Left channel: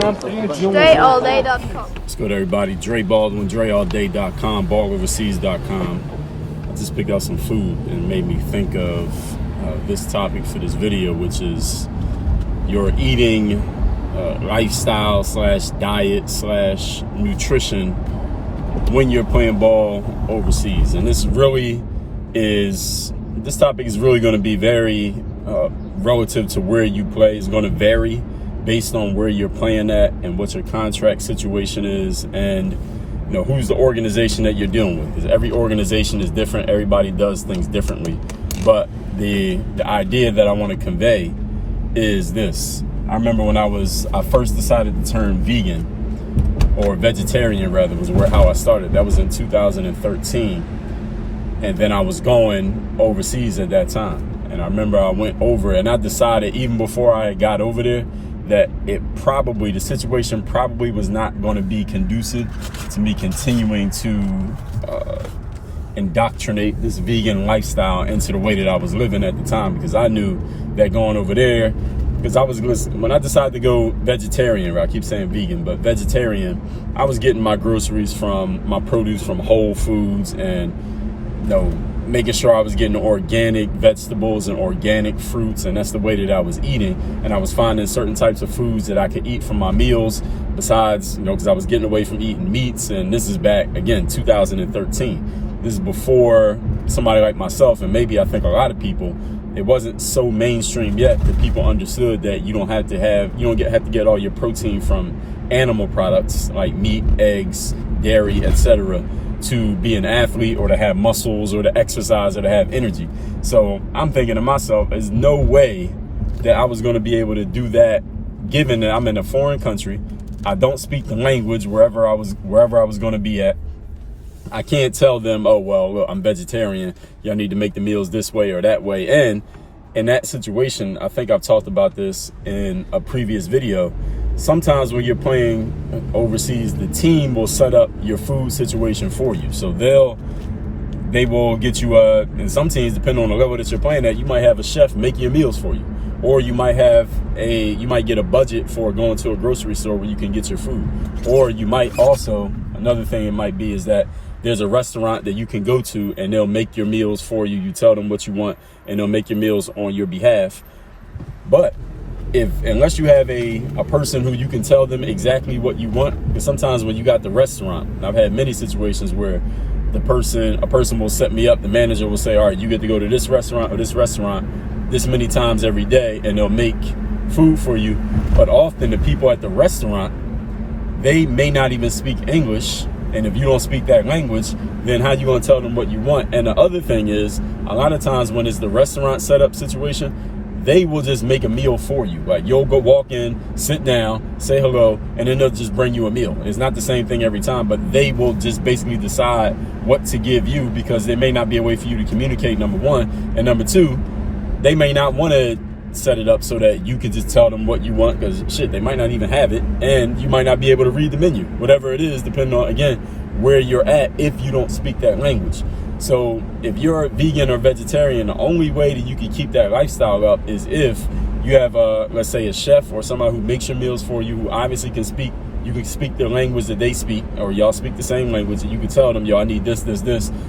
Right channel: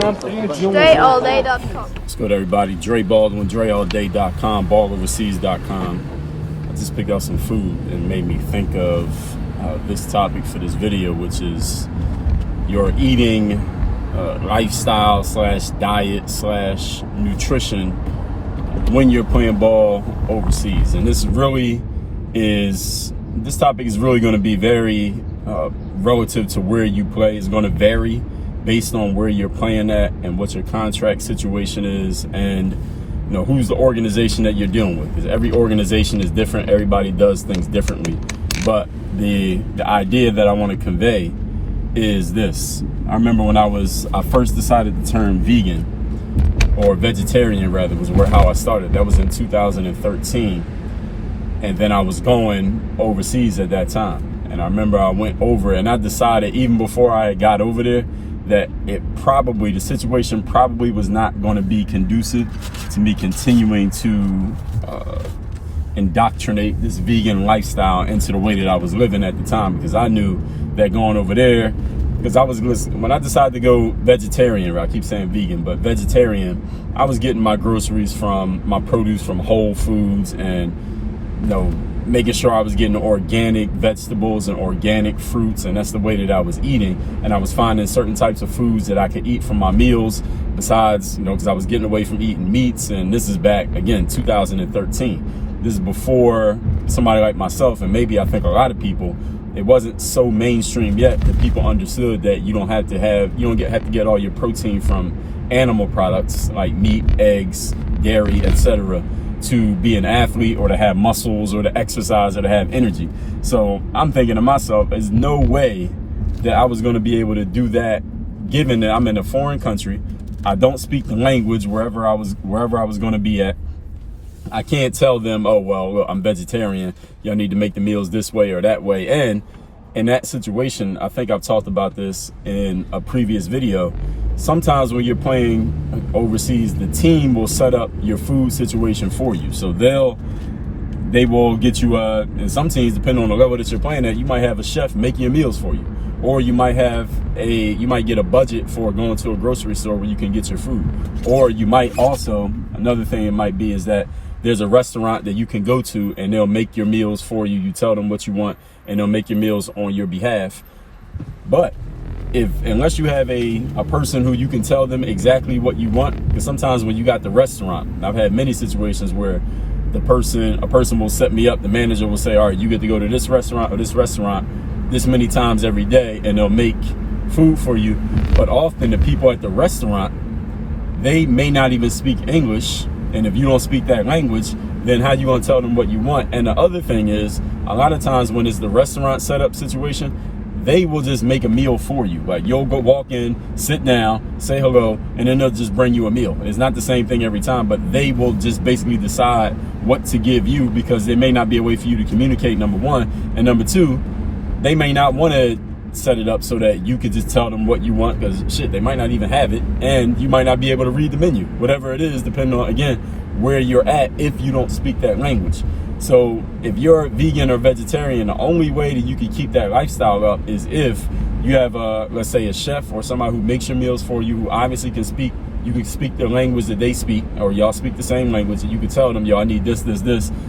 DreAllDay.com. Let's go to everybody. Dre Baldwin, DreAllDay.com, balloverseas.com. I just picked out some food and made me think of this topic for this video, which is your eating lifestyle / diet / nutrition when you're playing ball overseas. And this topic is really going to be very relative to where you play. It's going to vary based on where you're playing at and what your contract situation is, and who's the organization that you're dealing with. Because every organization is different. Everybody does things differently. But the idea that I want to convey is this. I remember when I first decided to turn vegan, or vegetarian rather, was how I started. That was in 2013. And then I was going overseas at that time. And I remember I went over and I decided even before I got over there that the situation probably was not going to be conducive to me continuing to indoctrinate this vegan lifestyle into the way that I was living at the time, because I knew that going over there, because when I decided to go vegetarian, I keep saying vegan, but vegetarian, I was getting my produce from Whole Foods, and making sure I was getting organic vegetables and organic fruits, and that's the way that I was eating. And I was finding certain types of foods that I could eat from my meals besides, because I was getting away from eating meats. And this is back, again, 2013. This is before somebody like myself, and maybe I think a lot of people, it wasn't so mainstream yet that people understood that you don't have to get all your protein from animal products like meat, eggs, dairy, etc., to be an athlete or to have muscles or to exercise or to have energy. So I'm thinking to myself, there's no way that I was going to be able to do that, given that I'm in a foreign country. I don't speak the language wherever I was going to be at. I can't tell them, oh, well, look, I'm vegetarian. Y'all need to make the meals this way or that way. And in that situation, I think I've talked about this in a previous video. Sometimes when you're playing overseas, the team will set up your food situation for you. So they will get you, and some teams, depending on the level that you're playing at, you might have a chef making your meals for you. Or you might get a budget for going to a grocery store where you can get your food. Or you might also, another thing it might be is that there's a restaurant that you can go to and they'll make your meals for you. You tell them what you want and they'll make your meals on your behalf. But unless you have a person who you can tell them exactly what you want, because sometimes when you got the restaurant, I've had many situations where a person will set me up, the manager will say, all right, you get to go to this restaurant or this restaurant this many times every day, and they'll make food for you. But often the people at the restaurant, they may not even speak English, and if you don't speak that language, then how you gonna tell them what you want? And the other thing is, a lot of times when it's the restaurant setup situation, they will just make a meal for you. Like, you'll go walk in, sit down, say hello, and then they'll just bring you a meal. It's not the same thing every time, but they will just basically decide what to give you, because there may not be a way for you to communicate, number one. And number two, they may not want to set it up so that you could just tell them what you want, because shit, they might not even have it, and you might not be able to read the menu, whatever it is, depending on, again, where you're at if you don't speak that language. So if you're vegan or vegetarian, the only way that you can keep that lifestyle up is if you have let's say a chef or somebody who makes your meals for you, who obviously you can speak the language that they speak, or y'all speak the same language, and you can tell them, yo, I need this,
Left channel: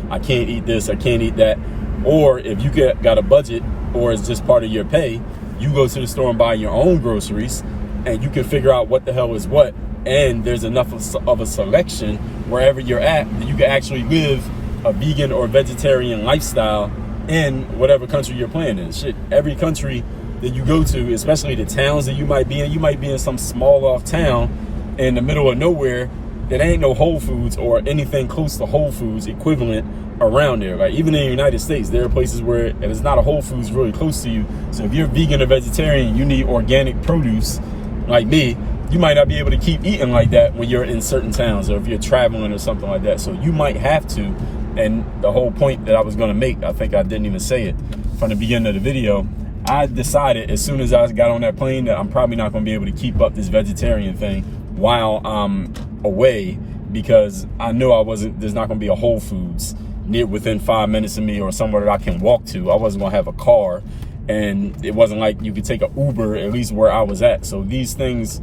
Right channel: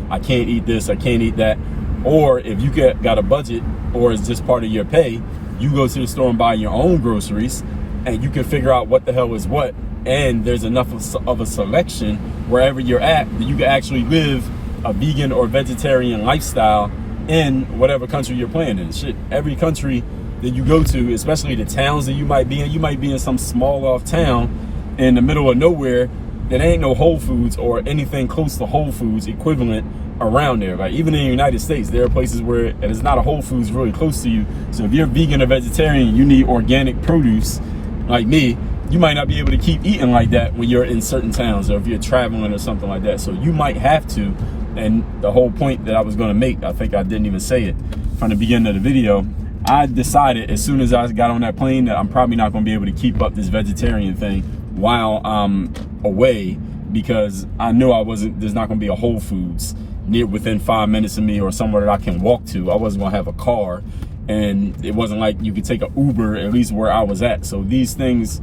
I can't eat this, I can't eat that. Or if you got a budget, or it's just part of your pay, you go to the store and buy your own groceries, and you can figure out what the hell is what. And there's enough of a selection wherever you're at that you can actually live a vegan or vegetarian lifestyle in whatever country you're playing in. Shit, every country that you go to, especially the towns that you might be in some small off town in the middle of nowhere that ain't no Whole Foods or anything close to Whole Foods equivalent around there. Like, even in the United States, there are places where, and it's not a Whole Foods really close to you. So if you're vegan or vegetarian, you need organic produce like me, you might not be able to keep eating like that when you're in certain towns, or if you're traveling or something like that. So you might have to. And the whole point that I was going to make, I think I didn't even say it from the beginning of the video. I decided as soon as I got on that plane that I'm probably not going to be able to keep up this vegetarian thing while I'm away, because I knew there's not going to be a Whole Foods within 5 minutes of me, or somewhere that I can walk to. I wasn't going to have a car, and it wasn't like you could take an Uber, at least where I was at. So these things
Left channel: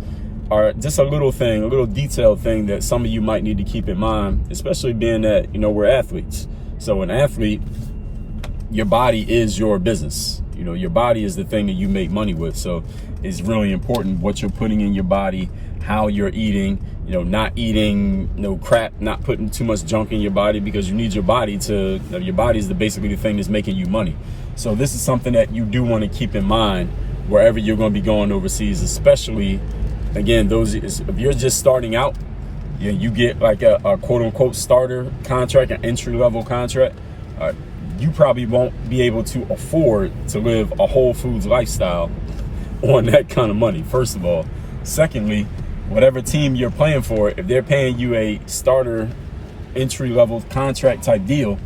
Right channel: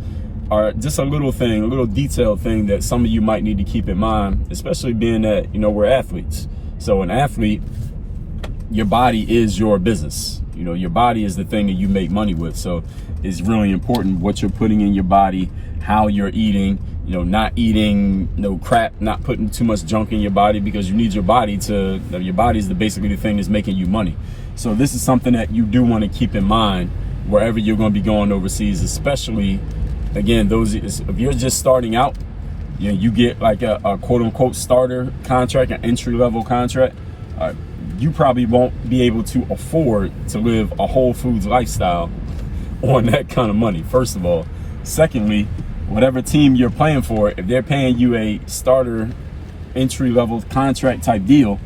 are just a little thing, a little detailed thing that some of you might need to keep in mind, especially being that, you know, we're athletes. So an athlete, your body is your business. You know, your body is the thing that you make money with. So it's really important what you're putting in your body, how you're eating, you know, not eating no crap, not putting too much junk in your body, because you need your body to, you know, your body is basically the thing that's making you money. So this is something that you do want to keep in mind wherever you're going to be going overseas, especially, again, if you're just starting out, you know, you get like a quote unquote starter contract, an entry level contract, you probably won't be able to afford to live a Whole Foods lifestyle on that kind of money, first of all. Secondly, whatever team you're playing for, if they're paying you a starter entry level contract type deal,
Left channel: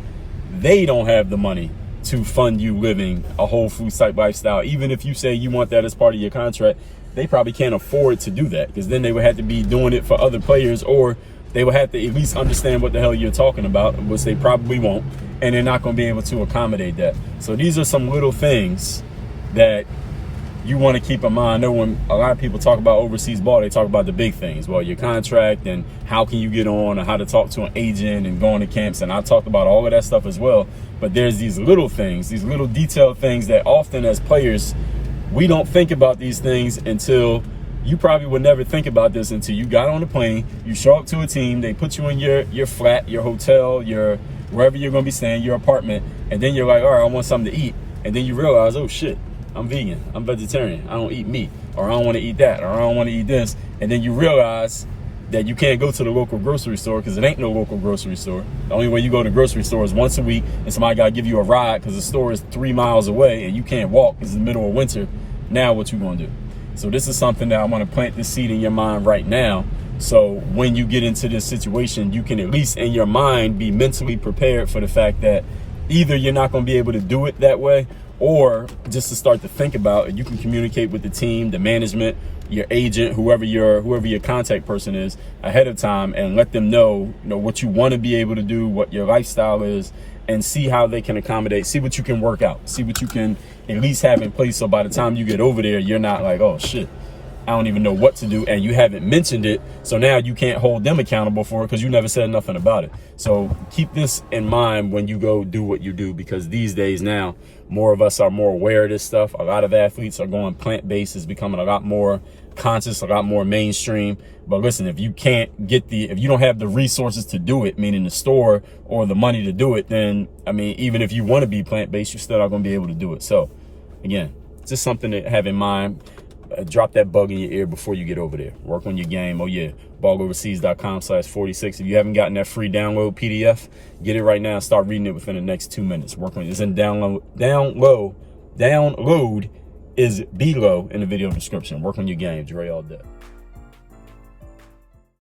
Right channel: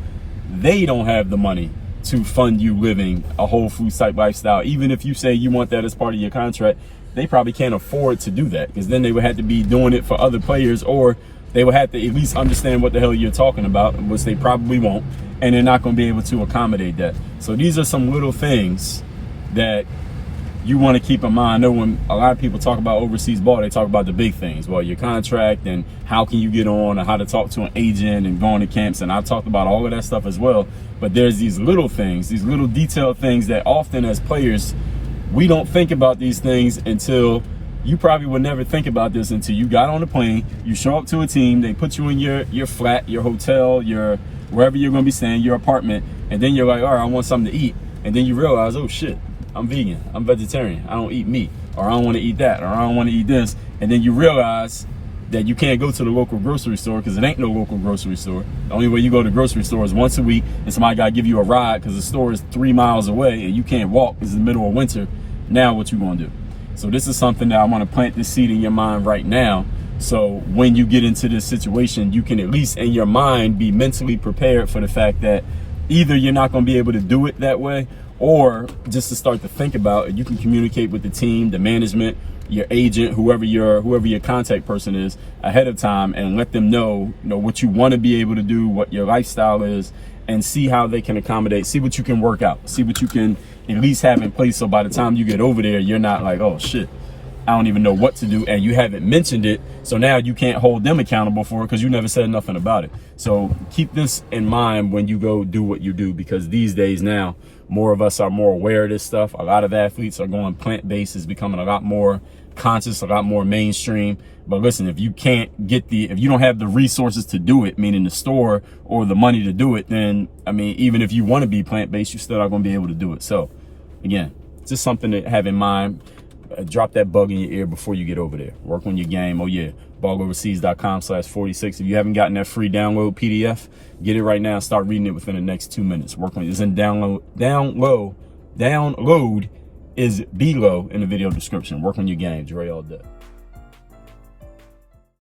they don't have the money to fund you living a Whole Foods type lifestyle. Even if you say you want that as part of your contract, they probably can't afford to do that, because then they would have to be doing it for other players, or they would have to at least understand what the hell you're talking about, which they probably won't, and they're not going to be able to accommodate that. So these are some little things that you want to keep in mind. I know when a lot of people talk about overseas ball, they talk about the big things. Well, your contract and how can you get on, and how to talk to an agent and going to camps. And I've talked about all of that stuff as well. But there's these little things, these little detailed things that often as players, we don't think about these things until you probably would never think about this until you got on the plane, you show up to a team, they put you in your flat, your hotel, your wherever you're going to be staying, your apartment. And then you're like, all right, I want something to eat. And then you realize, oh shit, I'm vegan, I'm vegetarian, I don't eat meat, or I don't want to eat that, or I don't want to eat this. And then you realize that you can't go to the local grocery store because it ain't no local grocery store. The only way you go to the grocery store is once a week, and somebody got to give you a ride because the store is 3 miles away and you can't walk because it's the middle of winter. Now what you going to do? So this is something that I want to plant this seed in your mind right now. So when you get into this situation, you can at least in your mind be mentally prepared for the fact that either you're not going to be able to do it that way, or just to start to think about, you can communicate with the team, the management, your agent, whoever your contact person is ahead of time, and let them know, what you want to be able to do, what your lifestyle is, and see how they can accommodate, see what you can work out, see what you can at least have in place. So by the time you get over there, you're not like, oh shit, I don't even know what to do, and you haven't mentioned it. So now you can't hold them accountable for it because you never said nothing about it. So keep this in mind when you go do what you do, because these days now, more of us are more aware of this stuff. A lot of athletes are going plant-based. It's becoming a lot more conscious, a lot more mainstream. But listen, if you don't have the resources to do it, meaning the store or the money to do it, then, even if you want to be plant-based, you're still not going to be able to do it. So again, just something to have in mind. Drop that bug in your ear before you get over there. Work on your game. Oh yeah, balloverseas.com/46. If you haven't gotten that free download PDF, get it right now. Start reading it within the next 2 minutes. Work on it. It's in download is below in the video description. Work on your game. Dre all day.